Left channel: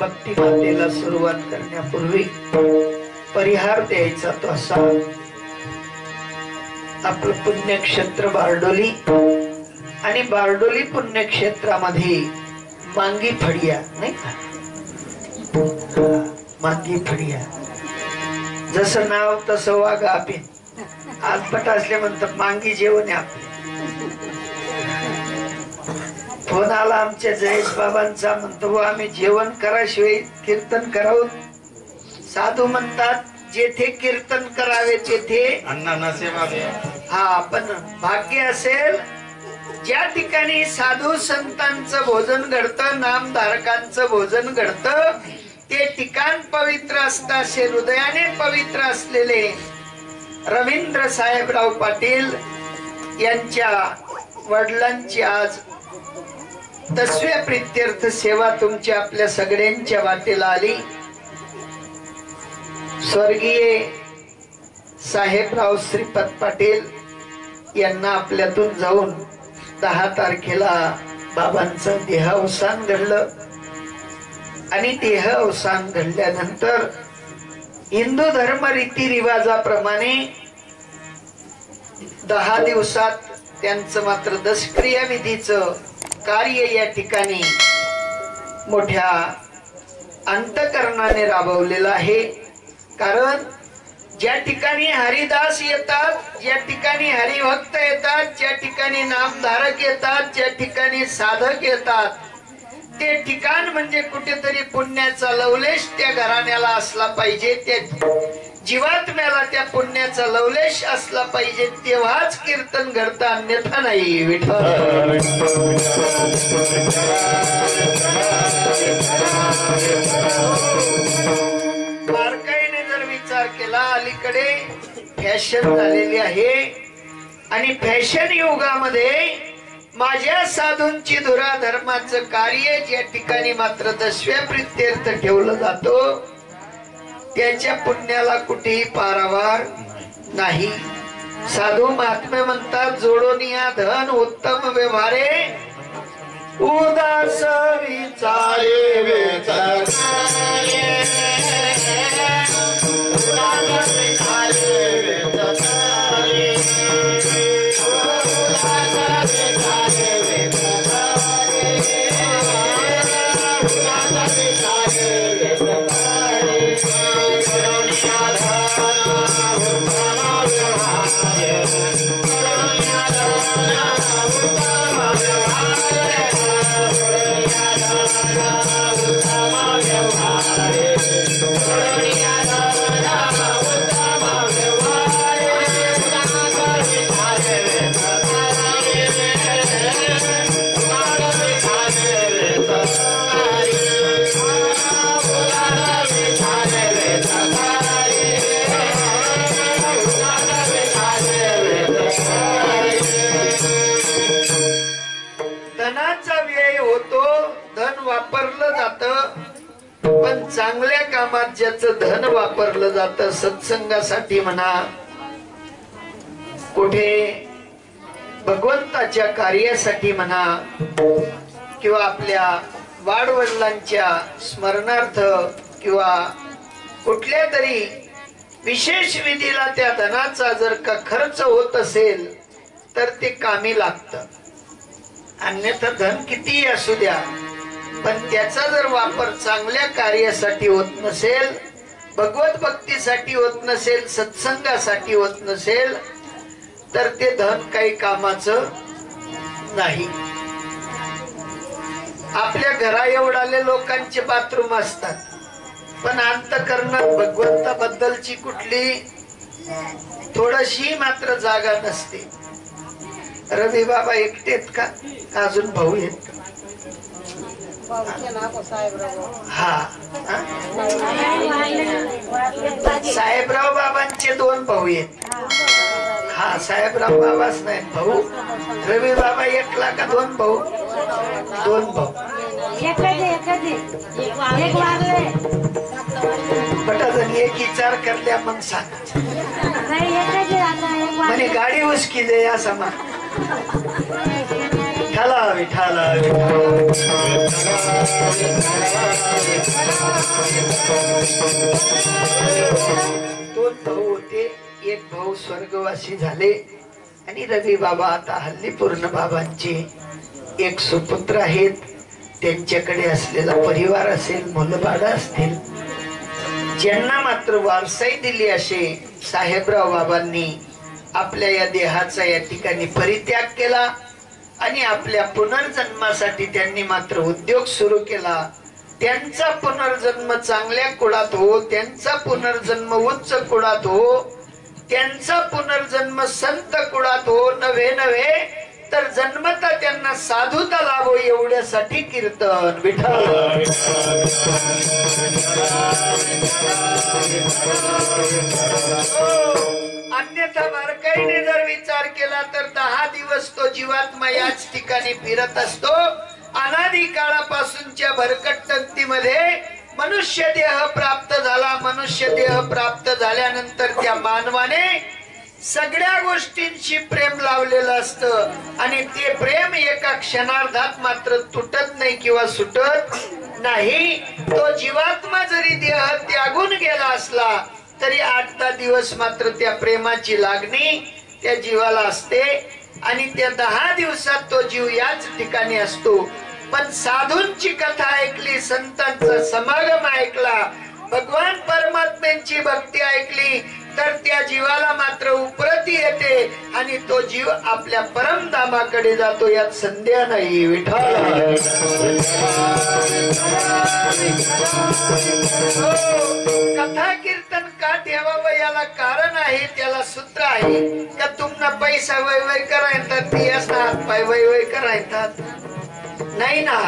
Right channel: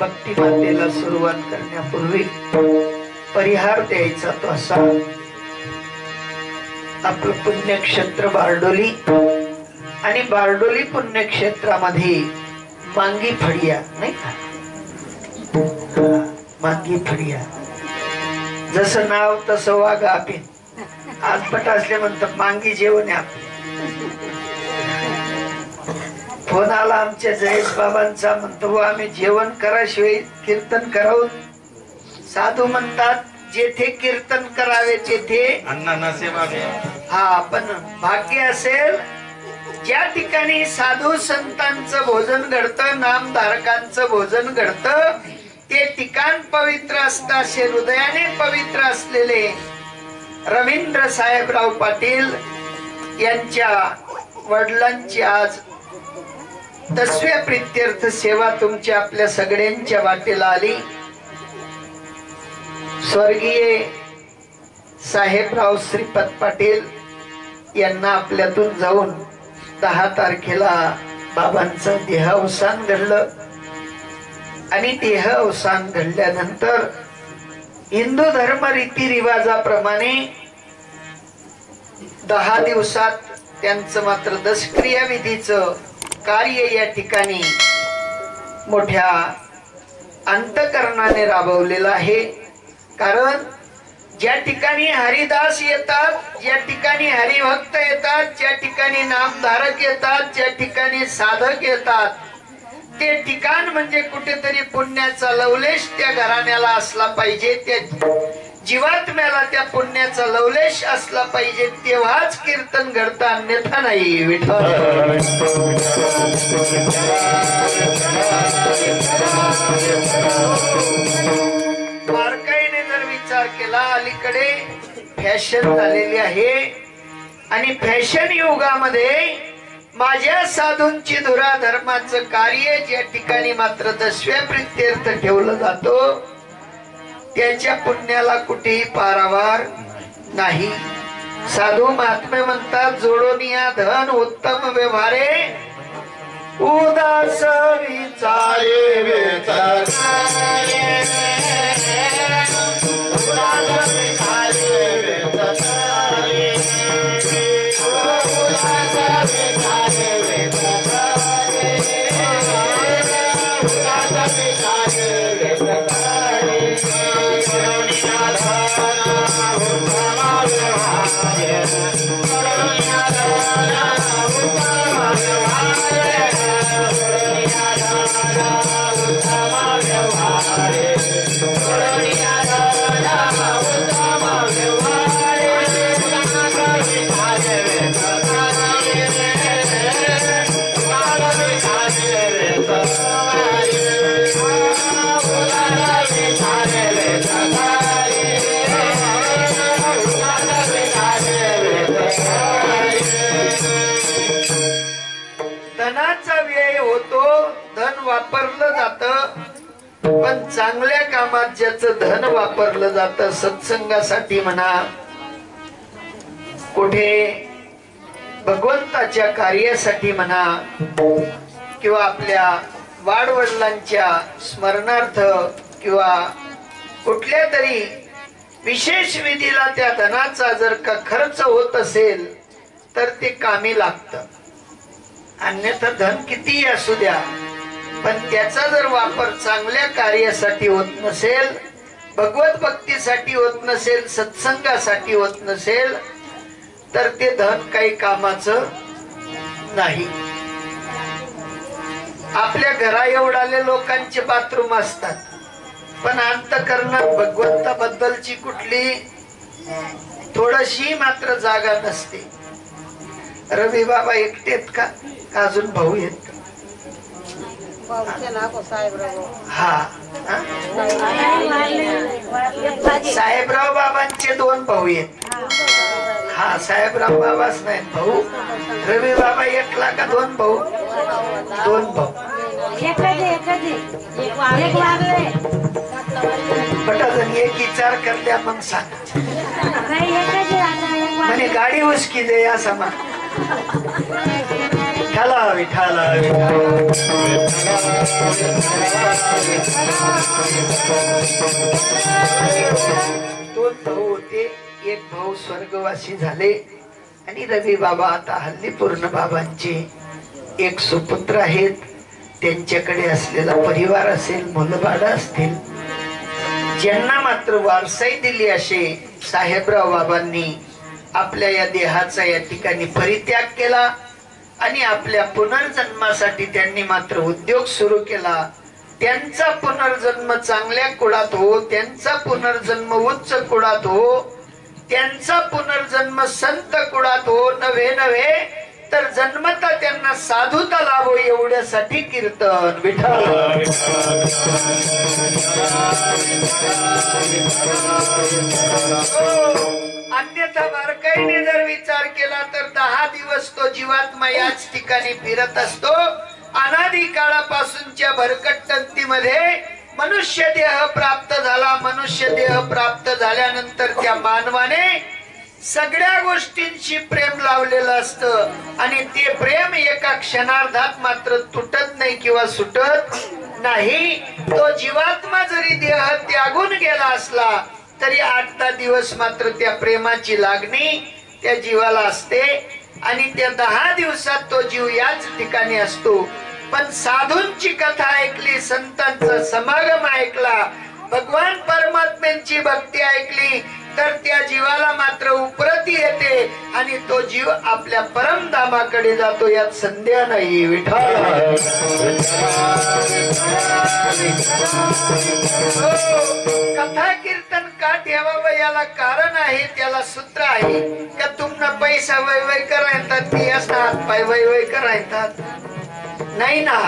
भक्ती मातेला सुरुवात करण्यापूर्वी परिहार द्यायचा तो असा, आपलं पुण्यक्षेत्र बारडोली आणि बारडोली पुण्यक्षेत्रामध्ये मांगी फडिया नाही का, मांगी फडिया, जसं नाव तसं वागा. आपण आजपट असले म्हणतात मांगी जेवण आहे आपले. फोन आला आमच्या जयेश बाबांचा, म्हणतो आम्ही जेवण कराशिवाय कीर्तन करावं. साधू म्हणतात जेथे कीर्तन करावे तेथे अन्नाना सेवा. हा, पण भाग्य असेल ज्या ठिकाणी साधू संतांचं भोजन घडतं, नामधारकांचं भोजन घडतं, ते ठिकाण पवित्र असतं. असे हृदयाने पवित्र असलेले रवींद्र साहेबराव पाटील यांच्या वडिलांची आज 10व्या प्रित्यर्थ सेवा तुमच्या आपल्या सगळ्यांच्या वाटेला आली. स्वर्गीय साहेबराव श्रीपत पाटील यांना आपल्यातून जाऊन 10 तारखेला बाबांचं देहावसान घडलं आणि देहावसान घडल्यानंतर हिंदू धर्म रीतिरिवाजाप्रमाणे 10 दिवसात त्यांचं मात्र दशक्रिया विधीचं कार्य या ठिकाणी मोठ्या अंतकरणाने राबवलेलं आहे. कारण ज्या ठिकाणी हरिदास येतात, ज्या ठिकाणी हरिभक्त येतात, ज्या ठिकाणी नामधारक येतात, ज्या ठिकाणी साधक येतात, ते ठिकाण म्हणजे कुठेतरी पुण्याचा लवलेश त्या घराण्याला असला पाहिजे, त्या जीवात्म्याला त्या पुण्याचा लवलेश असला पाहिजे, तेव्हाच कीर्तन घडतं, अन्यथा नाही. विठ्ठल बारकाईने जर विचार केला, अलीकडे फॅशन झालेली आहे आणि फॅशन युगामध्ये माझ्या साधूंची धुरा धर्माचं कार्य ज्या ठिकाणी मात्र 10व्या प्रित्यर्थ ठेवलं जातो, त्याच्या पुण्याला कुठेही पारावार नाही. साधू महात्मे म्हणतात जोडोनिया धन उत्तम व्यवहारे उदास विचारे वापरलं जातं, पण चांगल्या कामात ज्याचं धन वापरलं जातं, सत्संगासाठी म्हणा, कुठे भगवंताच्या कार्यासाठी म्हणा, किंवा आपल्या वाडवडिलांच्या स्मरणार्थ किंवा कुठल्या तरी विशेष विधीला त्या धनाचा जर का खर्च होत असेल तर ते कामी लागतं. अन्यथा धन कितीही असू द्या, पण त्याचा जर वापर चांगल्या कार्यासाठी होत नसेल, भगवत भक्तीसाठी होत नसेल, सत्संगासाठी होत नसेल, तर ते धन काही कामाचं नाही. आपल्या घरा एवढाले लोकांचे बाथरूम असतात, पण अंतकरणात भगवंताबद्दलची कुठली थोडीशी मात्र जागा नसते. रवी बाबा एकटेत का अजून भाऊ आहेत? हा, साहेबराव बाबांचे 2 भाऊ आहेत. हा, साहेबराव बाबाच नाही भाऊ. रवी बाबा एकला का 2 भाऊ? 2 भाऊ. पटाजन एक विचार करल्या मग सांग म्हणे गाडी उसकी दे असं विठाला विठाला दोन भाऊ होते, एक भाऊ स्वर्गवासी झाले आणि रवी बाबा आता हल्ली पूर्ण बाबांचे एक सुपुत्र आहेत. त्यांच्याकडे असलेला परिवार असेल, मुलबाळ असतील, ज्यांना मात्र वारसाई दिली असे साहेबराव बाबांनी आपल्या या देहाचा या ठिकाणी परित्याग केला आणि आपल्या पुनर्जन्मासाठी त्यांनी मात्र उद्योग सुरू केला. त्यांचा पुनर्जन्म चांगल्या कुळात हो, त्यांचा पुनर्जन्म उच्च कुळात हो, त्यांचा पुनर्जन्म संत कुळात हो, नव्हे नव्हे तर जन्मता त्यांना साधुता लाभो एवढ्यासाठी कीर्तन विठ्ठल. अन्यथा बारकाईने जर विचार केला तर 10 दिवस तो जीवात्मा याच ठिकाणी फिरत असतो. अनादी काळापासूनच्या भरकटंतीमध्ये मनुष्य देह प्राप्त झाला. मनुष्य देह प्राप्त झाल्यानंतर त्या मानवाने सगळ्या गोष्टींशी प्रेम लावलेलं असतं आणि ते प्रेम एका क्षणार्धात मात्र तुटत नाही किंवा सुटत नाही. तो जीवात्मा जरी देह त्यागून गेला असला तरी 8-10 दिवस मात्र त्या प्रेमाची लागणी त्या जीवाला असते आणि त्या 10 दिवसात तो जीव याच ठिकाणी असतो. पण साधूंची कथा ऐकली, संतांचा समागम ऐकला, भगवान परमात्म्यांची भक्ती ऐकली तर त्या जीवाला मात्र उपरती येते आणि तो जीव आपल्या परमधामाकडे जातो, यात संदेह नाही विठ्ठल. कथा कीर्तन का ठेवावं याला कारण आहे, त्याला सूत्र आहे. का तुम्हाला पैसा वय वय करायतात, ती असतात पाय वय वय करायतात नाही ना.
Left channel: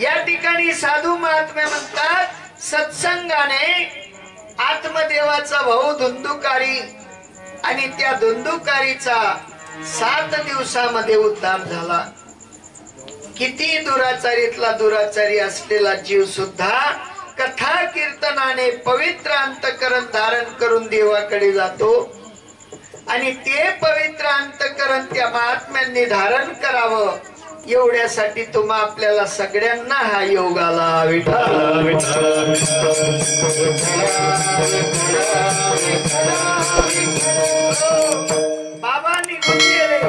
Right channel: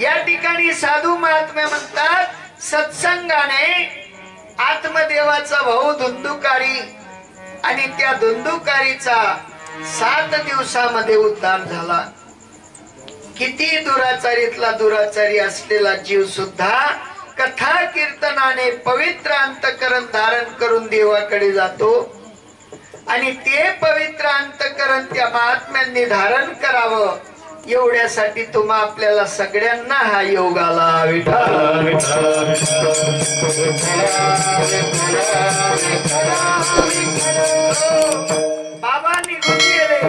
या ठिकाणी साधू महात्मे म्हणतात सत्संगाने आत्मदेवाचा भाऊ धुंदुकारी आणि त्या धुंदुकारीचा 7 दिवसामध्ये उद्धार झाला. किती दुराचारीतला दुराचारी असलेला जीव सुद्धा कथा कीर्तनाने पवित्र अंतकरण धारण करून देवाकडे जातो आणि ते पवित्र अंतकरण त्या महात्म्यांनी धारण करावं एवढ्यासाठी तुम्हा आपल्याला सगळ्यांना हा योग आला विठ्ठल. बाबा निघून गेले,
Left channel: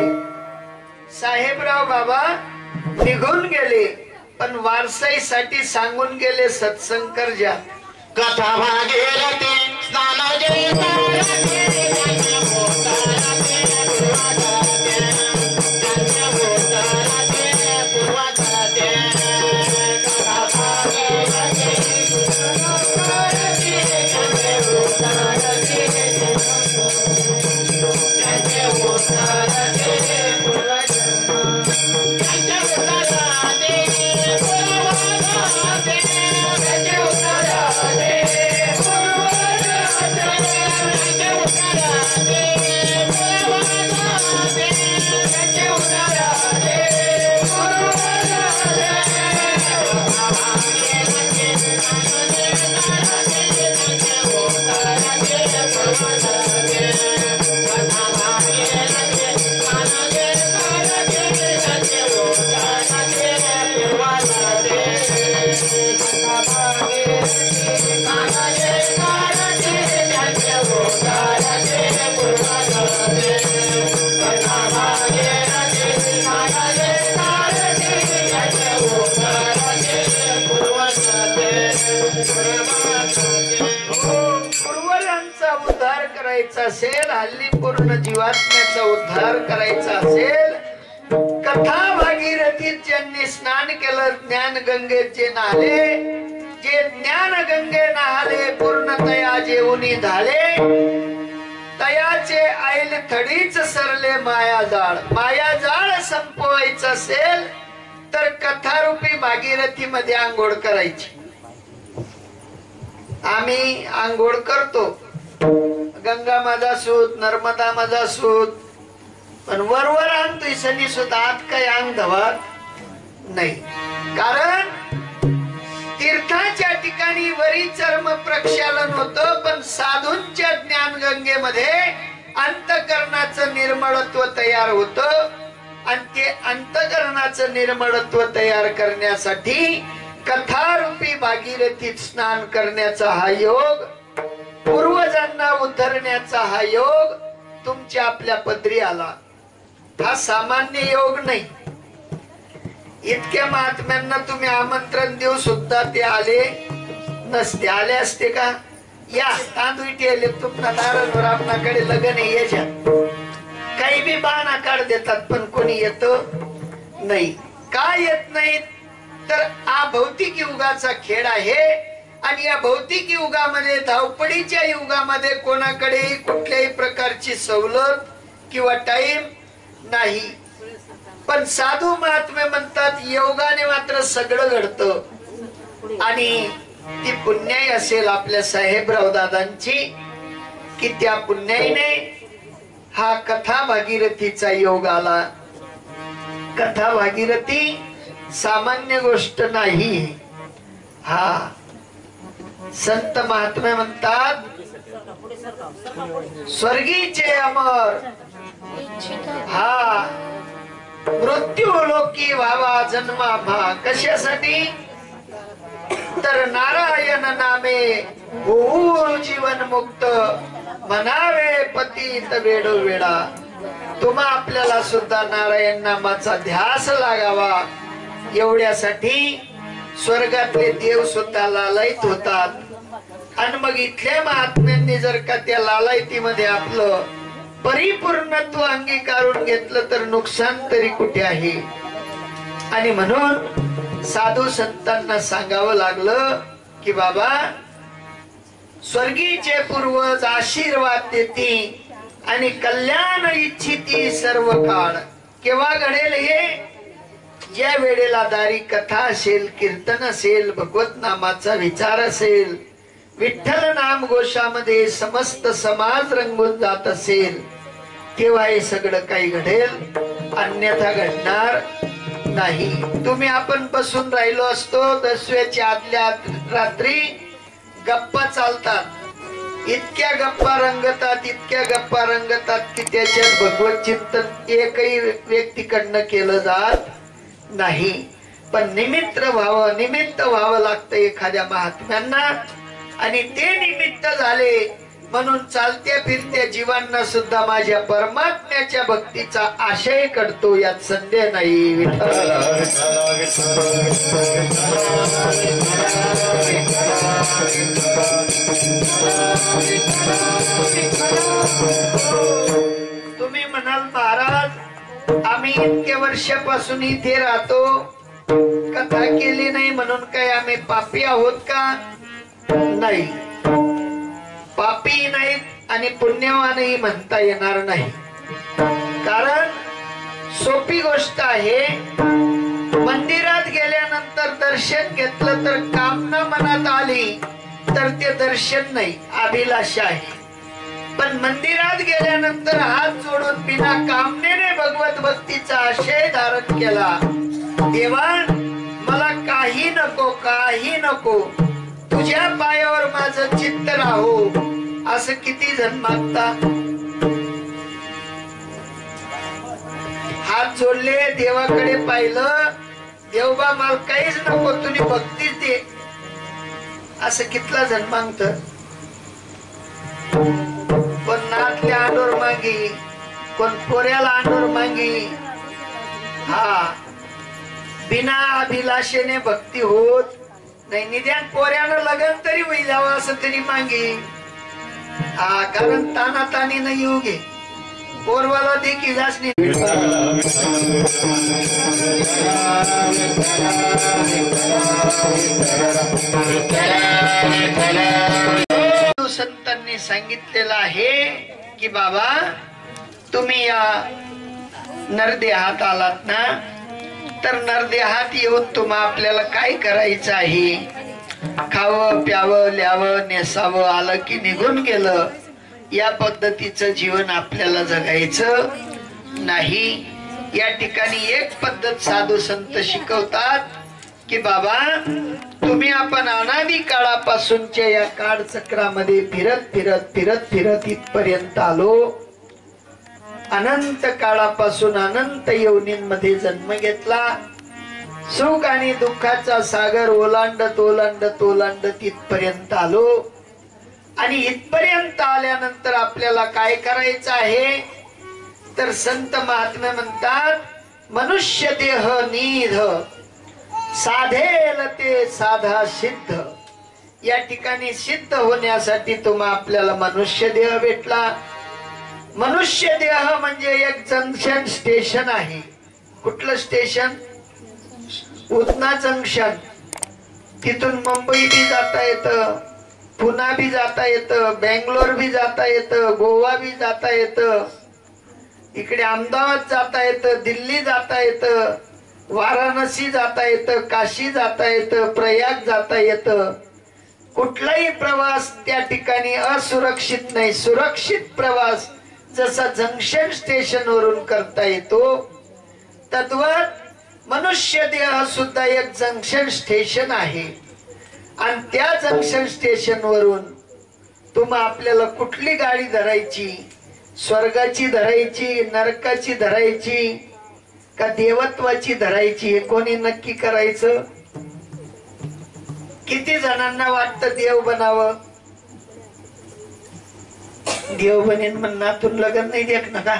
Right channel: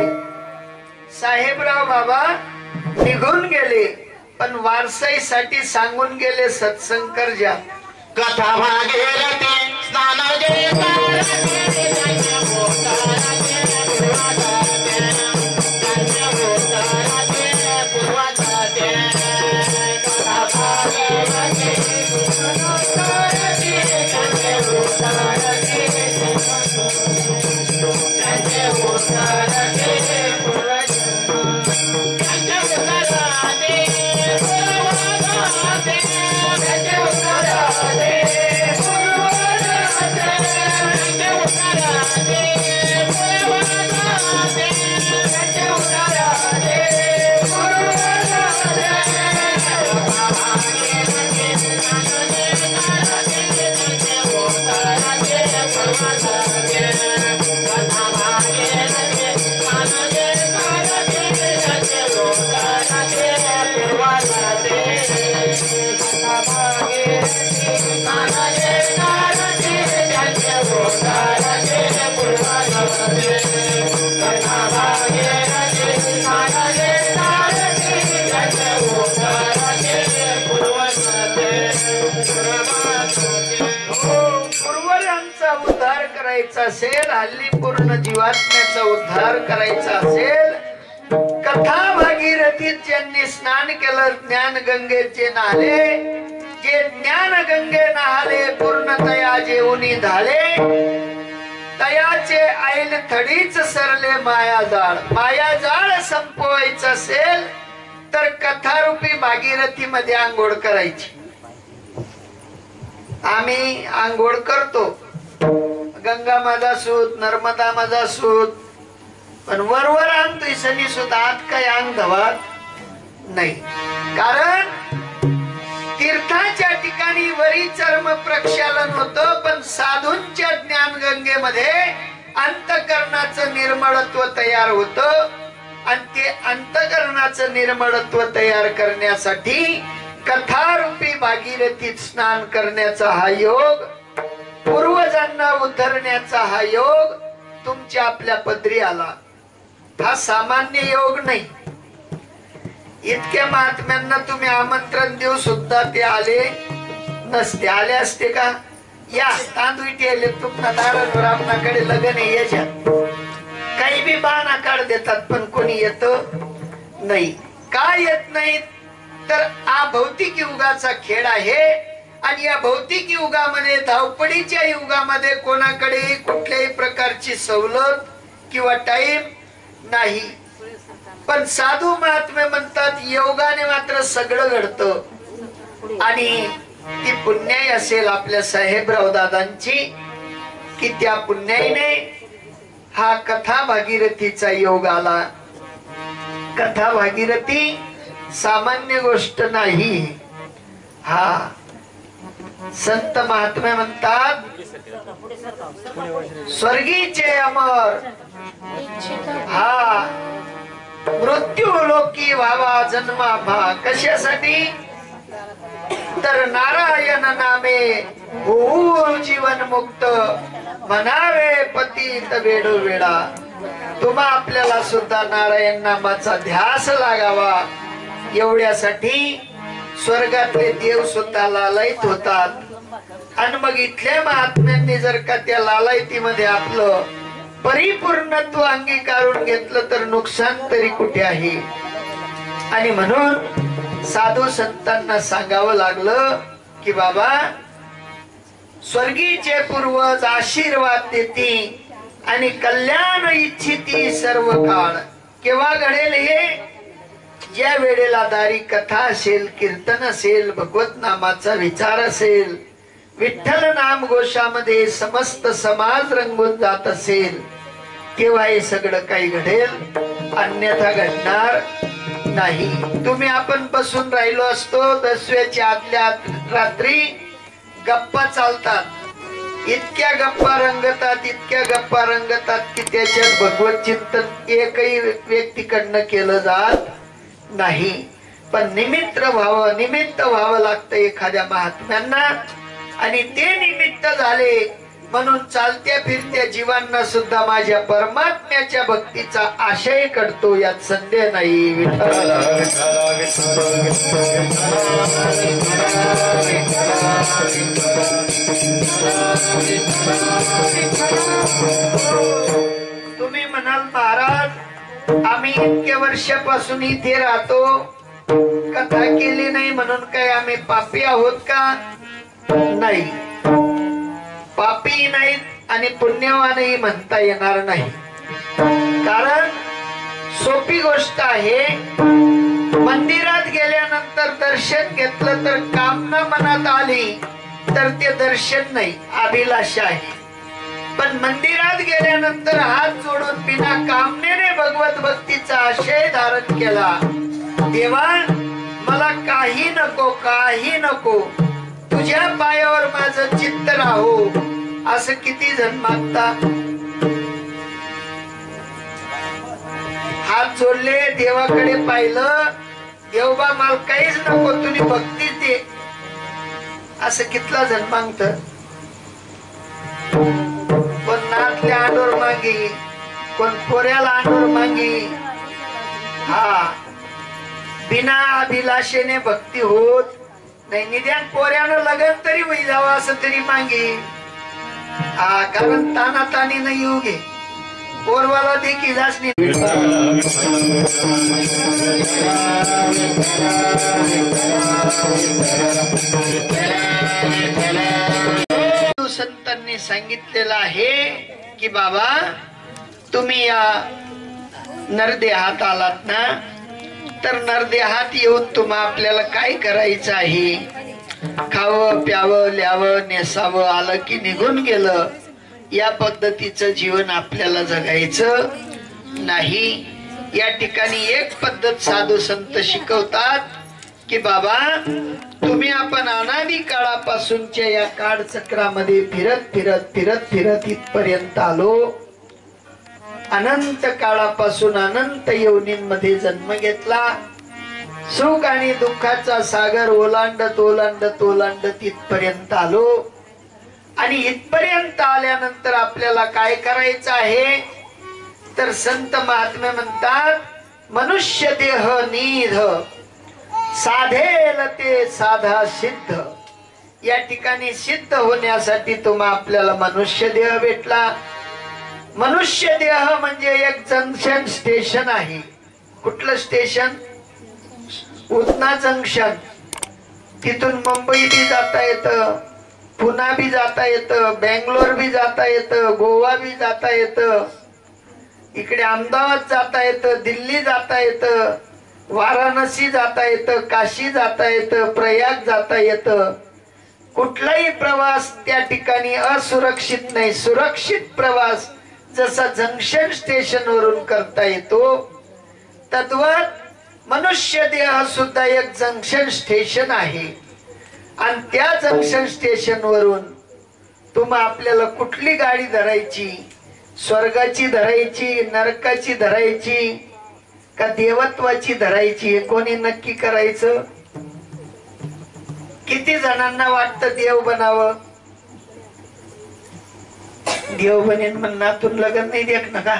साहेबराव बाबा निघून गेले, पण वारसाईसाठी सांगून गेले सत्संग करजा. कथा भागीरथी स्नान असेल, हल्ली पूर्ण जीवात्म्याचा उद्धार करायचा असेल, कथा भागीरथीत ज्यांनी स्नान केलं, ज्ञान गंगेचे नाले, जे ज्ञान गंगे नाले पूर्णतया जेवणी झाले, तयाचे ऐल थडीच सरले मायाजाळ. मायाजाळ संपवायचं असेल तर कथारूपी भागीरथी मध्ये आंघोळ करायची. आम्ही आंघोळ करतो, गंगा माझा सूत, नर्मदा माझा सूत, पण वरवर आणतोय सनी सुद्धा आत काही अंग धवात नाही. कारण तीर्थाच्या ठिकाणी वरी चर्म प्रक्षालन होतं, पण साधूंच्या ज्ञान गंगेमध्ये अंतकरणाचं निर्मळत्व तयार होतं आणि ते अंतःकरणाचं निर्मळत्व तयार करण्यासाठी कथारूपी भागीरथीत स्नान करण्याचा हा योग, पूर्वजांना उद्धरण्याचा हा योग तुमच्या आपल्या पदरी आला. हा सामान्य योग नाही. इतक्या महात्म्यांना तुम्ही आमंत्रण देऊ सुद्धा ते आले नसते. आले असते का? या तांदूळ ठेवले तुमना दारावर, आपणाकडे लग्न आहे याच्यात काही बी बहाणा काढ देतात, पण कोणी येत नाही. का येत नाही? तर हा भौतिक युगाचा खेळ आहे. आणि या भौतिक युगामध्ये, धावपळीच्या युगामध्ये कोणाकडे कुठल्याही प्रकारची सवलत किंवा टाइम नाही. पण साधू महात्मे म्हणतात योगाने मात्र सगळं घडतं. आणि ती पुण्याई असेल आपल्या साहेबराव दादांची, की त्या पुण्याईने हा कथा भागीरथीचा योग आला. कथा भागीरथी सामान्य गोष्ट नाही. हा संत महात्मे म्हणतात स्वर्गीचे अमर, हा मृत्यू लोकी व्हावा जन्मा भा. कशासाठी? तर नारायण नामे होऊ जीवन मुक्त, म्हणावे पतित वेडोवेळा. तुम्हा आपल्याला सुद्धा नारायण नामाचा ध्यास लागावा. एवढ्यासाठी स्वर्गातले देव सुद्धा लालायित होतात. आणि मग इथल्या महात्म्यांनी जर का त्या लालायतीमध्ये आपलं परिपूर्णत्व अंगीकारून घेतलं तर नुकसान तरी कुठे आहे. आणि म्हणून साधू संतांना सांगावं लागलं की बाबा, स्वर्गीचे पूर्वज आशीर्वाद देती आणि कल्याण इच्छिती सर्व काळ. केव्हा घडेल हे? ज्या वेळेला दारी कथा असेल, कीर्तन असेल, भगवत नामाचा विचार असेल, विठ्ठल नाम घोषामध्ये समस्त समाज रंगून जात असेल, तेव्हा हे सगळं काही घडेल, अन्यथा घडणार नाही. तुम्ही आपण बसून राहिलो असतो, 10व्याच्या आदल्या रात्री गप्पा चालतात. इतक्या गप्पा रंगतात, इतक्या गप्पा रंगतात की त्याच्यात भगवत चिंतन एकही व्यक्तीकडनं केलं जात नाही. पण निमित्त व्हावं लागतं एखाद्या महात्म्यांना. आणि ते निमित्त झाले म्हणून चालत्या फिरत्या जीवांना सुद्धा माझ्या परमात्म्याच्या भक्तीचा आशय करतो, यात संदेह नाही. तुम्ही म्हणाल महाराज आम्ही इतक्या वर्षापासून इथे राहतो, कथा केली नाही म्हणून काय आम्ही पापी आहोत का? नाही, पापी नाही आणि पुण्यवानही म्हणता येणार नाही. कारण सोपी गोष्ट आहे, मंदिरात गेल्यानंतर दर्शन घेतलं तर कामना मनात आली तर ते दर्शन नाही, अभिलाषा आहे. पण मंदिरात गेल्यानंतर हात जोडून बिना कामनेने भगवत भक्तीचा आशय धारण केला, देवा मला काही नको, काही नको, तुझ्या पायावर माझं चित्त राहो, असं किती जण मागतात. हात जोडले, देवाकडे पाहिलं, देवबा मला काहीच नको, तुझी भक्तीच दे, असं कितला जण मागत. कोण नातल्या अंडोर मागी, कोण पोऱ्याला अंडोर मागी. हा बिना अभिलाषेने भक्ती होत नाही. निदान पोऱ्यानं लग्न तरी होई जावं असं तरी मागे. हा कारण ताना तानी नाही येऊ घे, पोरवाला देखील असली. संतांनी सांगितलेलं आहे की बाबा तुम्ही या नरदेहात आलात ना, तर नरदेहात येऊन तुम्हा आपल्याला काय करायचं आहे? खावं प्यावं ल्यावं नेसावं, आलं की निघून गेलं, या पद्धतीचं जीवन आपल्याला जगायचं नाही. या ठिकाणी एक पद्धत साधू संत शिकवतात की बाबा तुम्ही आपण अनादी काळापासूनच्या या काळचक्रामध्ये फिरत फिरत फिरत फिरत इथपर्यंत आलो. अनंत काळापासून अनंत योनींमध्ये जन्म घेतला. सुख आणि दुःखाचा सागर ओलांडत ओलांडत ओलांडत इथपर्यंत आलो. आणि इथपर्यंत आल्यानंतर आपल्याला काय करायचं आहे तर संत महात्मे म्हणतात, मनुष्य देह निध साधेल ते साधा सिद्ध. या ठिकाणी सिद्ध होण्यासाठी आपल्याला मनुष्य देह भेटला. मनुष्य देह म्हणजे एक जंक्शन स्टेशन आहे. कुठलं स्टेशन? उधना जंक्शन. तिथून मुंबई बी जाता येतं, पुणा बी जाता येतं, बेंगलोर बी जाता येतं, गोवा बी जाता येतं, इकडे अहमदाबाद जाता येतं, दिल्ली जाता येतं, वाराणसी जाता येतं, काशी जाता येतं, प्रयाग जाता येतं. कुठलाही प्रवास त्या ठिकाणी असुरक्षित नाही. सुरक्षित प्रवास जसा जंक्शन स्टेशन वरून करता येतो, तद्वत मनुष्य देह सुद्धा एक जंक्शन स्टेशन आहे. आणि त्या जंक्शन स्टेशन वरून आपल्याला कुठली गाडी धरायची? स्वर्गाची धरायची, नरकाची धरायची, का देवत्वाची धरायची? हे कोणी नक्की करायचं? किती जणांना वाटतं देव बनावं? देव बनेन म्हणून लग्न नाही देख ना का?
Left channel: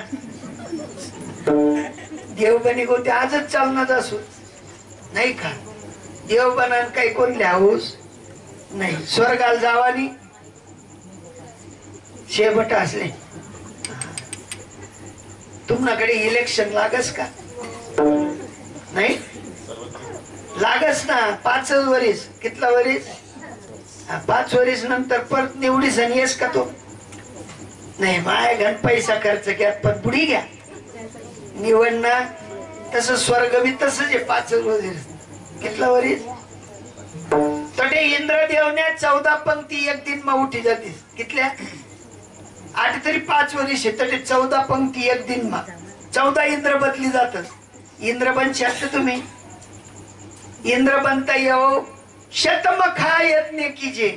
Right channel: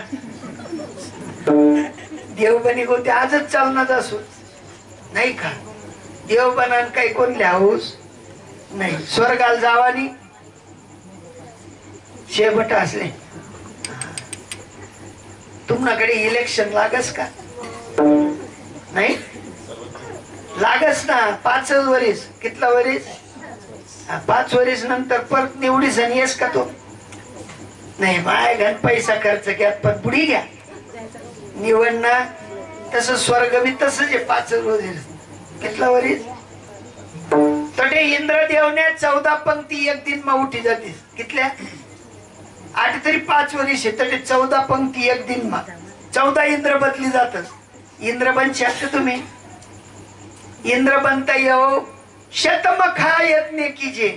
देव बनी होते आजच चालणार असू नाही का? देव बनान काही कोण लिहाऊस नाही. स्वर्गाला जावानी शेवट असले. तुमच्याकडे इलेक्शन लागस का? नाही लागस ना. 5 वरीस. कितला वरीस? 5 वरीस नंतर परत निवडीस आणि येस का तो? नाही. माय घन पैसा खर्च घ्या पण पुढी घ्या निवडणं. तसं स्वर्ग बी तसंच आहे. 5 वरीस. कितला वरीस? तटे इंद्रदेवने 14 पंक्ती एक दिन मा उठी जाते. कितल्या? 8 तरी 5 वरीस आहे. तटे 14 पंक्ती एक दिन मा 14 इंद्र बदली जातात. इंद्र बन शकते तुम्ही? इंद्र बनता येऊ शतमखा यज्ञ कीजे.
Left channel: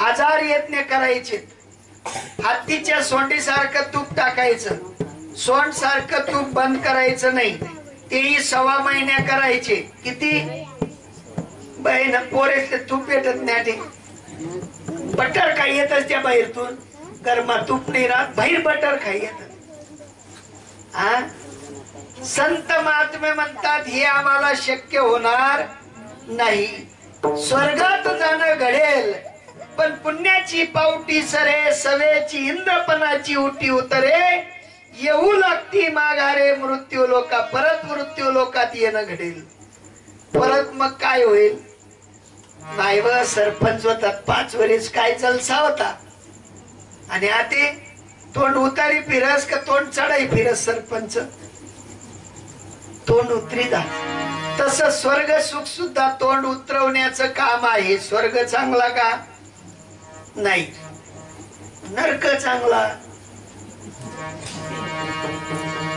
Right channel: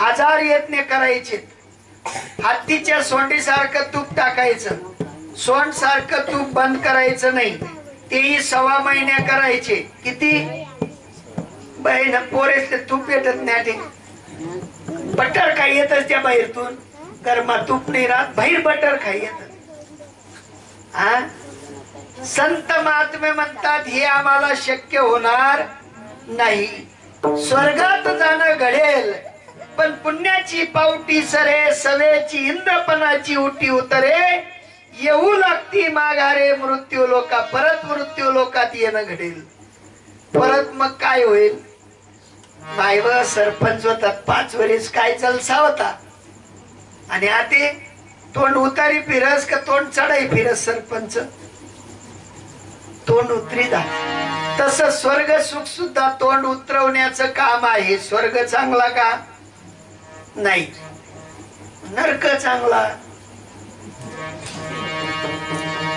1000 यज्ञ करायचे. हत्तीच्या सोंडीसारखं तूप टाकायचं. सोंड सारखं तूप बंद करायचं नाही. तेही 1.25 महिन्या करायचे. किती? बहीण पोरेसले तूप येतच नाही. बटर खाई येतच त्या बाहेरतून. गरमा तूप नाही राहत. बाहेर बटर खाई येत. संत महात्मे म्हणतात हे आम्हाला शक्य होणार नाही. स्वर्गात जाणं घडेल पण पुण्याची पावटी सरे, सवेची इंद्रपणाची उटी उतरे, येऊ लागती माघारे मृत्यू लोका. परत मृत्यू लोकात येणं घडेल. परत मग काय होईल? नाही व सरपंच होतात 5 वरीस काय जलसा होता. आणि आता तोंड उतारी फिरस का तोंड चढाई फिरस? सरपंच तोंड उतरी दा. तस स्वर्ग सुख सुद्धा तोंड उतरवण्याचं काम आहे. स्वर्ग चांगला का? नाही. नरक चांगला.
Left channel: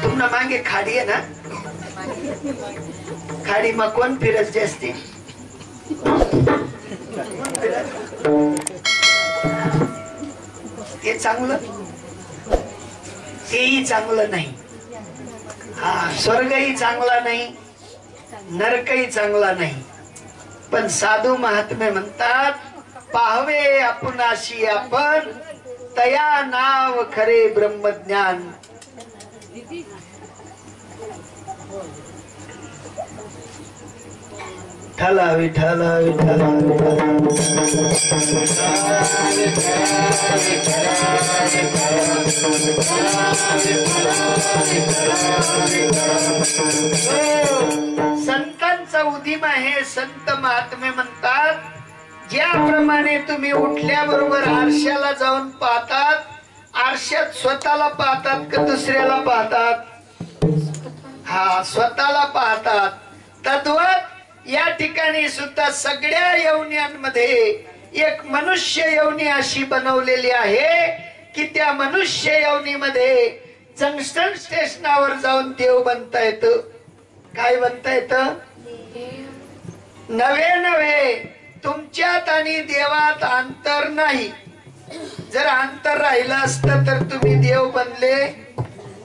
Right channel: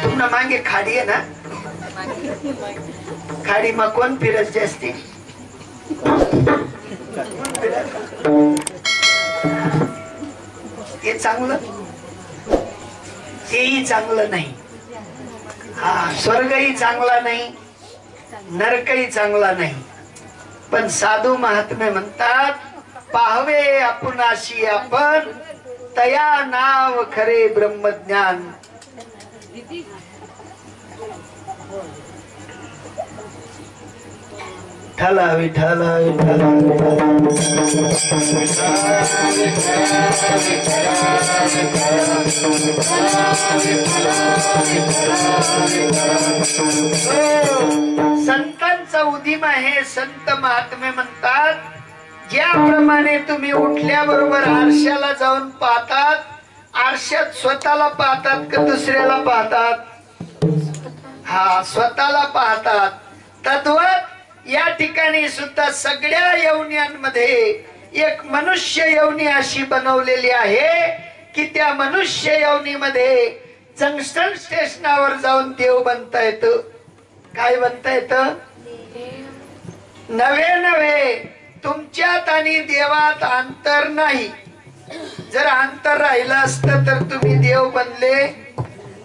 तुम्हाला मागे खाडी आहे ना? खाडी मग कोण फिरत जास्ती? ते चांगलं, तेही चांगलं नाही. स्वर्गही चांगला नाही, नरकही चांगला नाही. पण साधू महात्मे म्हणतात पाहवे आपुनाशी आपण, तया नाव खरे ब्रह्मज्ञान. विठ्ठला विठ्ठला विठ्ठला संतांचा उदीम आहे. संत महात्मे म्हणतात ज्याप्रमाणे तुम्ही उठल्याबरोबर आरशाला जाऊन पाहतात, आरशात स्वतःला पाहतात का दुसऱ्याला पाहतात? स्वतःला पाहतात. तद्वत या ठिकाणी सुद्धा सगळ्या योन्यांमध्ये एक मनुष्य योनी अशी बनवलेली आहे की त्या मनुष्य योनीमध्ये जंक्शन स्टेशनावर जाऊन देव बनता येतं. काय बनता येतं? नवे नवे. तुमच्यात आणि देवात अंतर नाही. जर अंतर राहिलं असतं तर तुम्ही देव बनले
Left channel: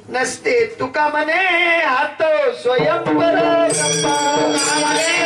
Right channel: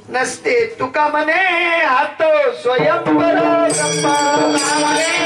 नसते तुका म्हणे हात स्वयंवर गप्पा